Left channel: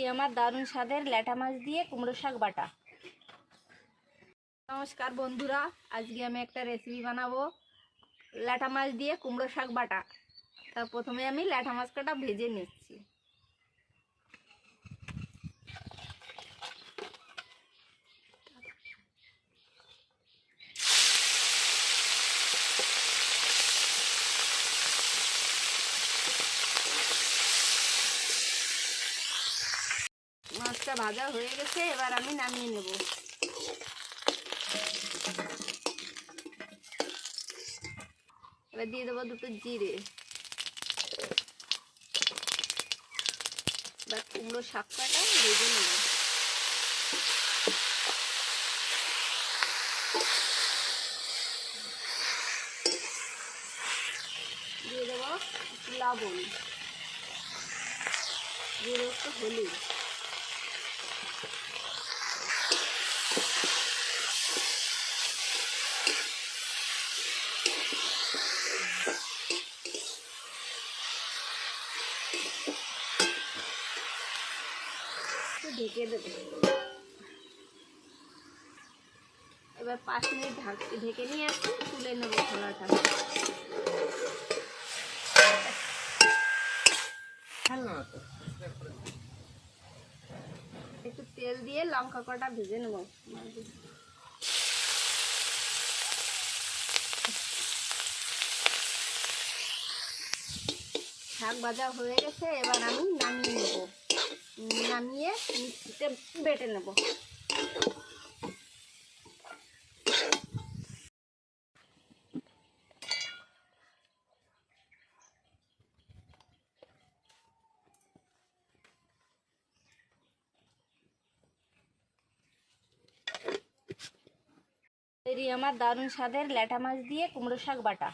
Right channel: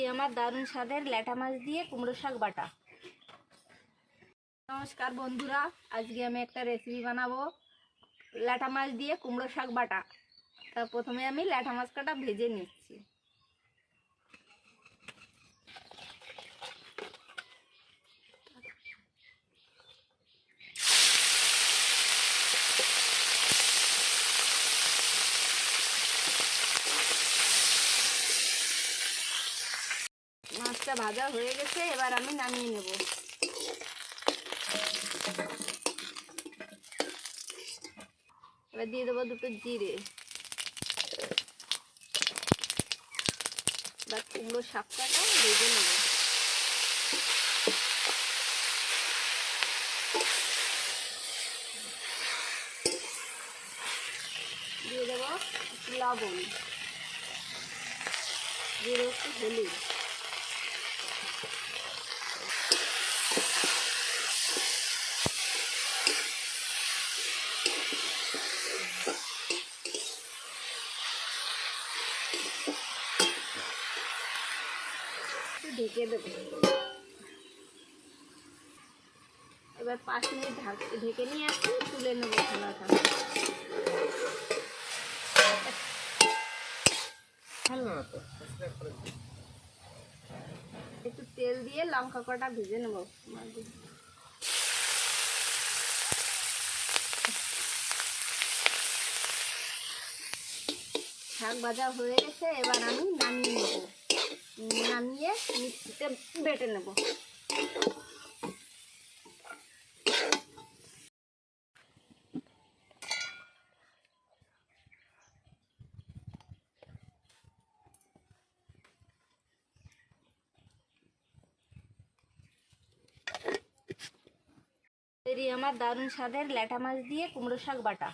এই আমার দারুণ স্বাদের ল্যাটা মাছ দিয়ে কুমড়ো শাক বাটা। নমস্কার বন্ধুরা, আজকে আমি একটা রেসিপি বানাবো, ল্যাটা মাছ দিয়ে কুমড়ো শাক বাটা। তা প্রথমে আমি ল্যাটা মাছ কটা ভেজে নিচ্ছি। মাছটা ভাজা হয়ে গেছে, এবার আমি নামিয়ে নেব। এবার দিয়ে দেবো দুটো জিরে। এবার কুমড়ো শাকটাটা ভেজে নেব। দিয়ে দেবো লবণ। দিয়ে দেবো একটু হলুদ। ঢেকে দেবো। এবার পাঁচ মিনিট ঢাক- ঢেকে নিয়ে আসি তুলে নেব খানাটা। একটু তেল দিয়ে লঙ্কা কটা ভেজে নেব। শাক ভাজা হয়ে গেছে এবার আমি নামিয়ে নেব। নামিয়ে মিক্সিতে বেটে নেব। আমার দারুণ স্বাদের ল্যাটা মাছ দিয়ে কুমড়ো শাক বাটা।